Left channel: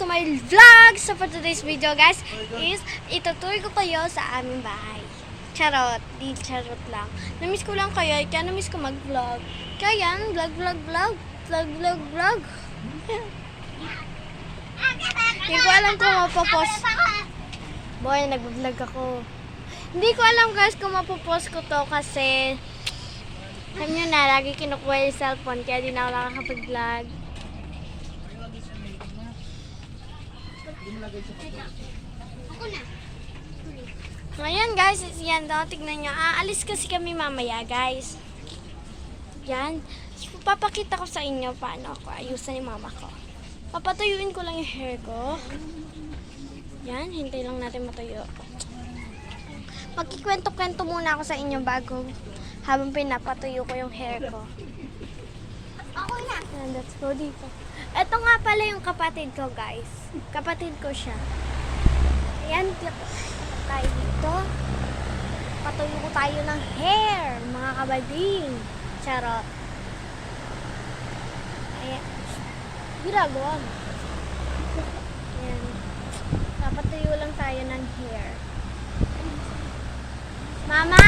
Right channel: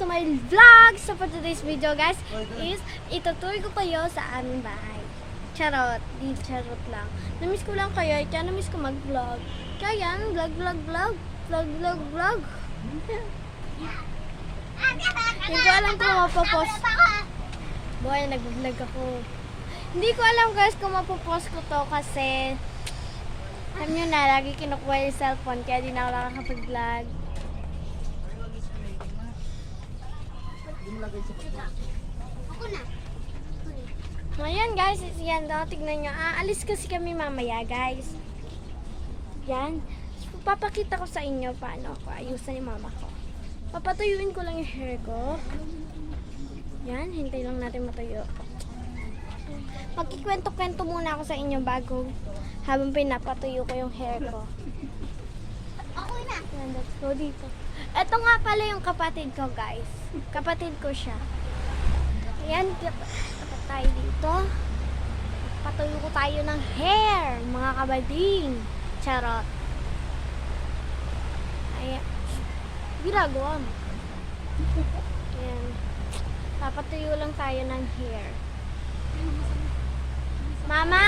to my vlog! So for today's video guys is itutur ko kayo sa aming bahay. Charot, di charot lang. Namiss ko lang kayo, kaya namiss ko mag-vlog. Kaya yan, vlog, vlog, vlog. Vlog, vlog, vlog. Hindi ko alam kung mapopost. Boy, nag-vlog ako. Hindi ko alam guys kung mapopost ko to kasi alam nyo na, lagi kinukuha yung cellphone kaya di na ako nakakapag-vlog. Ngayon guys, yan daw, tignan nyo. Aalis kasi kami mamaya guys. Yan. Papakita ko sa inyo paano ako ayusan ni mama ko. Papatuyuin ko lang yung hair ko. Yan, hintay lang natin matuyo. Magkikwento-kwento muna ako sa inyo bago habang pinapatuyo ko yung hair ko. Yan, let's go dito. Ito nga pala yung kapatid ko, guys. Kapatid ko siya. Ayan, dapat tayo dito. Patuyo ko tayo ng hair, mga kabading. Charot. Ayan. Ginagawa mo. Ayan. Papatuyo lang tayo ng hair. Mama!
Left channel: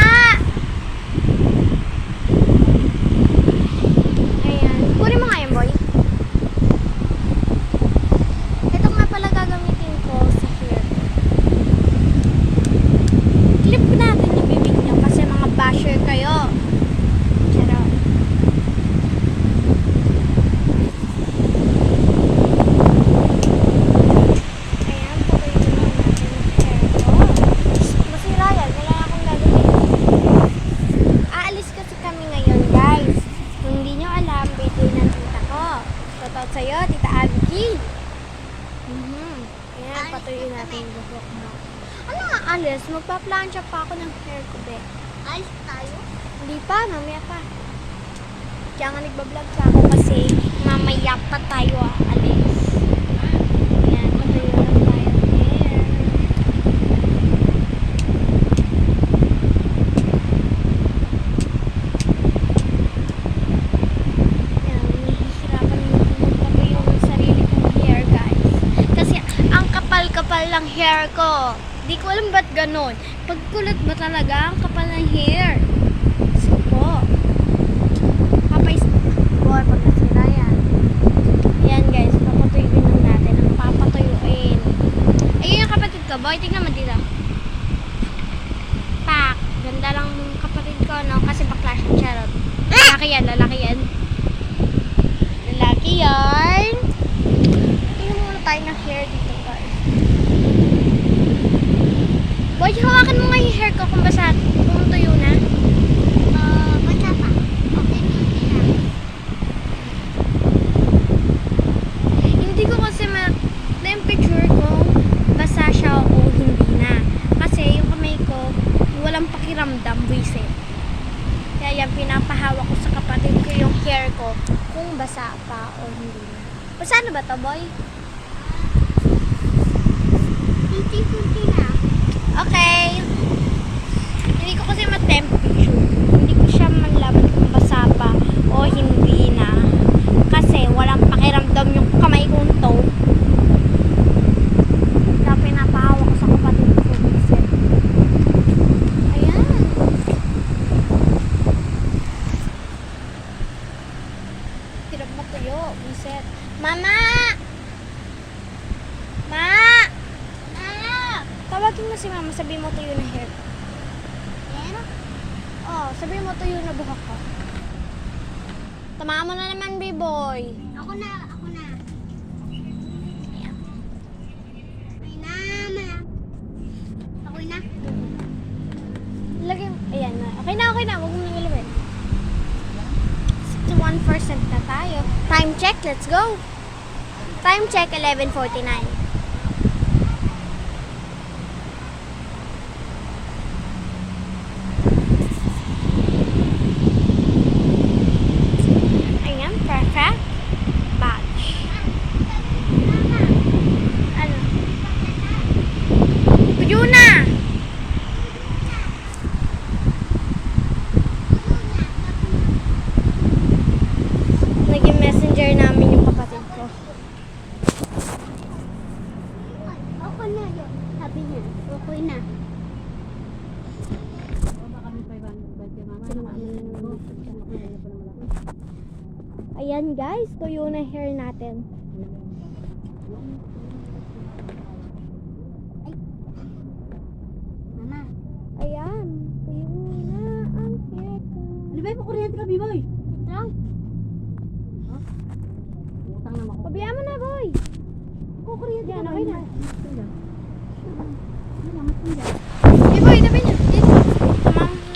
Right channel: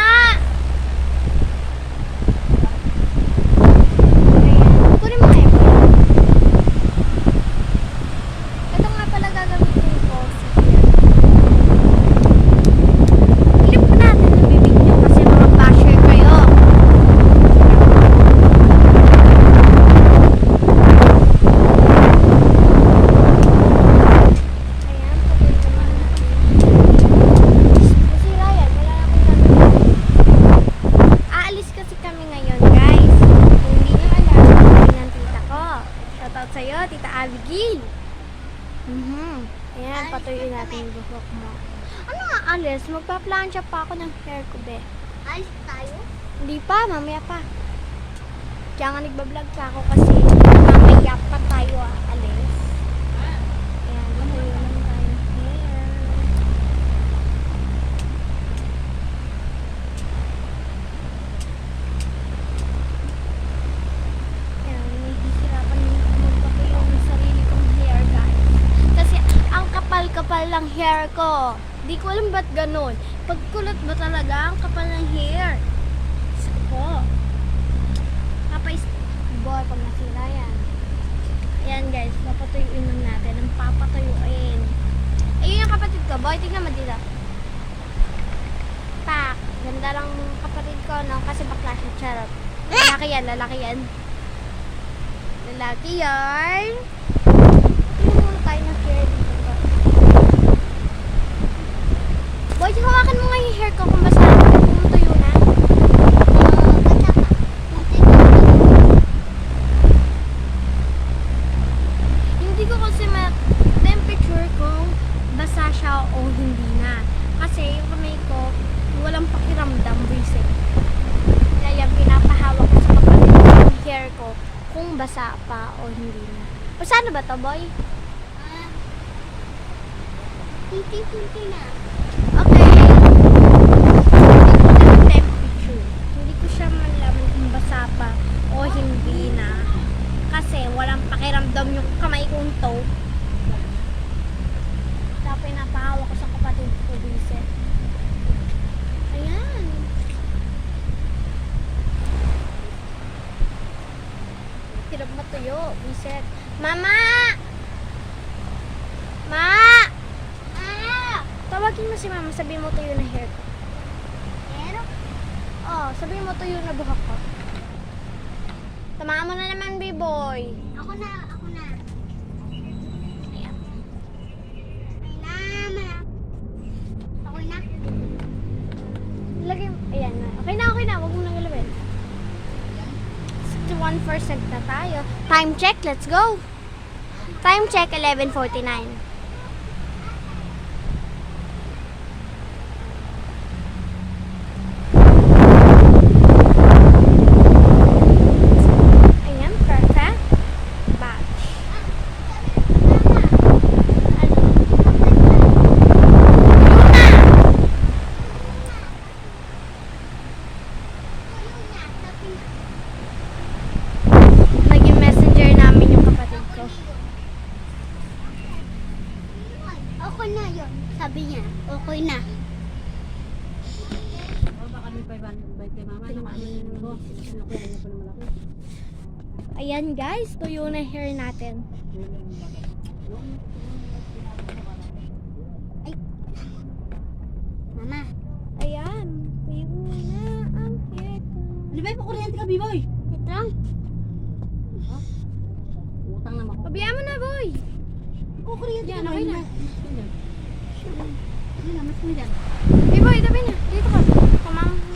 Ayan. Kunin mo nga yung boy. Ito nga pala gagamitin ko sa hair. Clip natin yung bibig niyo kasi mga basher kayo. Charot. Ayan, patuloy lang natin yung hair ko. Masira yan. Wala na akong gagawin. Aalis kasi kami ngayon, guys. Kung hindi nyo alam, hindi ng tita ko. Shoutout sa'yo, Tita Abigail. Mhm. Ayan, patuloy natin yung buhok mo. Ano nga alis? Magpa-plancha pa ako ng hair ko, be. Alis tayo? Hindi pa, mamaya pa. Kaya nga nagbablog pa ako kasi mamaya pa tayo aalis. Ayan, patuloy lang tayo ng hair. Ayan, nahihirapan magpatuyo ng sarili kong hair, guys. Kasi ang kapal-kapal ng hair ko. Di ko alam ba't ganon. Pagkulat ba talaga ang kapal ng hair? So po. Papais... Boy, pag nasira yan. Ayan guys, papatuyuin lang natin. Ang papatuyuin. Ayun yung kapatid ko. Boy, tingnan mo dito. Pak. Ganda lang ng kapatid ko, no? Kasi bakla siya. Charot. Lalaki yan, lalaki yan. Lalaki yan. Tingnan muna tayo ng hair dito, guys. Boy, hawakan mo nga yung hair ko kung basa, kung tuyo na. Uh, bata pa. Okay, okay. Hindi ko kasi ma-temperature kung basa siya o hindi na. Kasi yung kamay ko, walang pakiramdam, buisit. Kaya yan, pinapahawak ko sa kapatid ko yung hair ko kung basa pa o hindi na. Basa na ba to, boy? Kunti-kunti na. Okay. Hindi ko kasi ma-temperature. Hindi ko siya malaman kung basa pa o hindi na. Kasi walang pakiramdam yung kamay kong to. Kaya pinapahawak ko sa kapatid ko. Vincent. Ayan. Hirap Vincent. Mama! Ma! Ah! Tawagin mo si mama, sabihin mo tuyo na hair ko. Pero, Oh, sabihin mo tuyo na buhok ko. Tamaan mo na naman, B-boy. ako na, ako na. Ayan. May naman. Okay na. Lagay mo. Ayan na. Okay na, okay na. Huwag mo nang galawin. 61% na tayo. Time check, let's go. Time check, 11.49. Ayan, perfect. Batch. Ano? Yuna! Naging messenger namin yung kapatid ko. sabi niya, okay na. Ayan guys, tuyo na hair natin. Ayan, tuyo na ang hair ko. Di ba yung kuryente ka, B-boy? ito lang. Utang naman ko. Pabayaan mo na, boy. Oh, kuryente Yan, ka okay na. Yan na, mas pindan. Di boy, tabi niyo. Dito. Tamang